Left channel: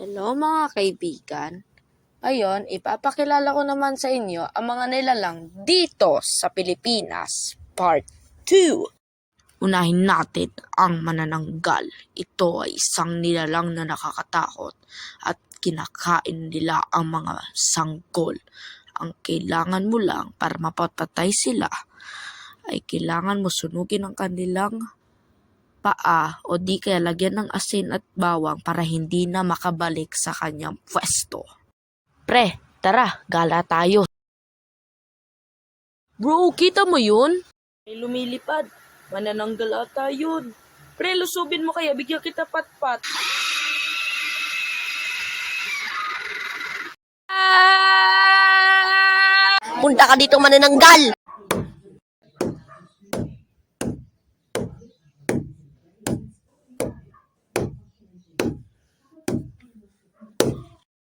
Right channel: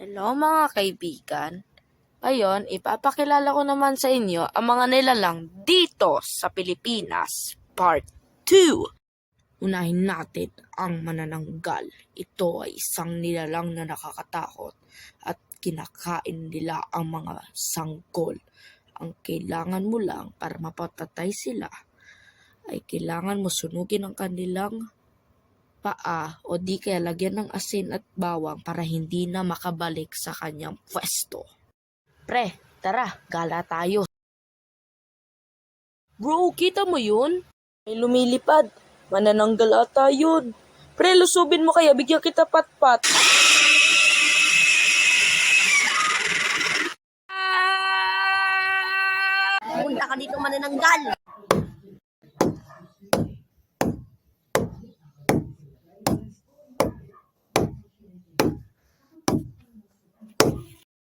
Hello mga kaibigan. Ngayon, ipapakilala ko naman sa inyo ang mga nilalang dito sa Pilipinas, Part 2. Unahin natin ang manananggal. Ito ay isang nilalang na nakakatakot at kinakain nila ang mga sanggol. Ang kailangan mo lang para mapatay sila ay kailangan mo sunugin ang kanilang paa o di kaya lagyan ng asin at bawang para hindi na makabalik sa kanyang pwesto. Pre, tara, gala tayo. Bro, kita mo yun? May lumilipad. Manananggal ata yun. Pre, lusubin mo kaya, bigyan kita patpat. Punta ka dito manananggal!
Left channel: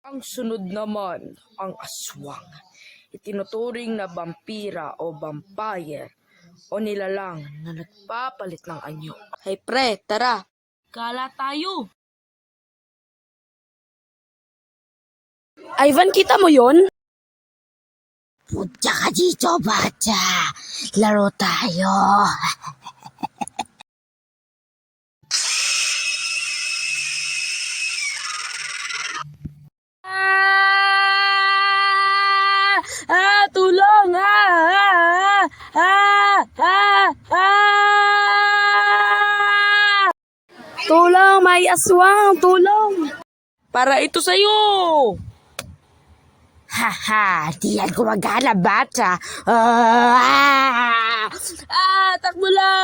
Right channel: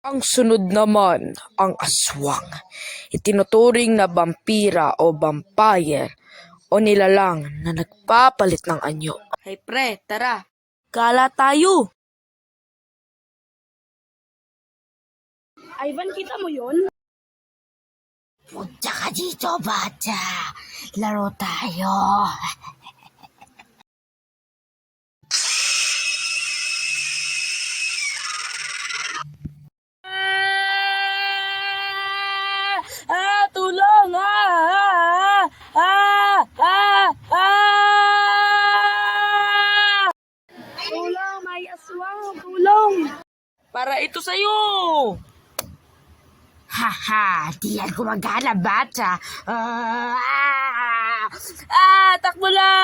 Ang sunod naman, ang aswang. Itinuturing na vampira o vampire o nilalang na nagpapalit ng anyo. Hey pre, tara, gala tayo. Ivan, kita mo yon? Punta ka dito, bata! Laro tayo! Tulong! Tulong, may aswang! Tulong! Para ito sa'yo! Haha! Di yan gumagana, bata! Takbo lang!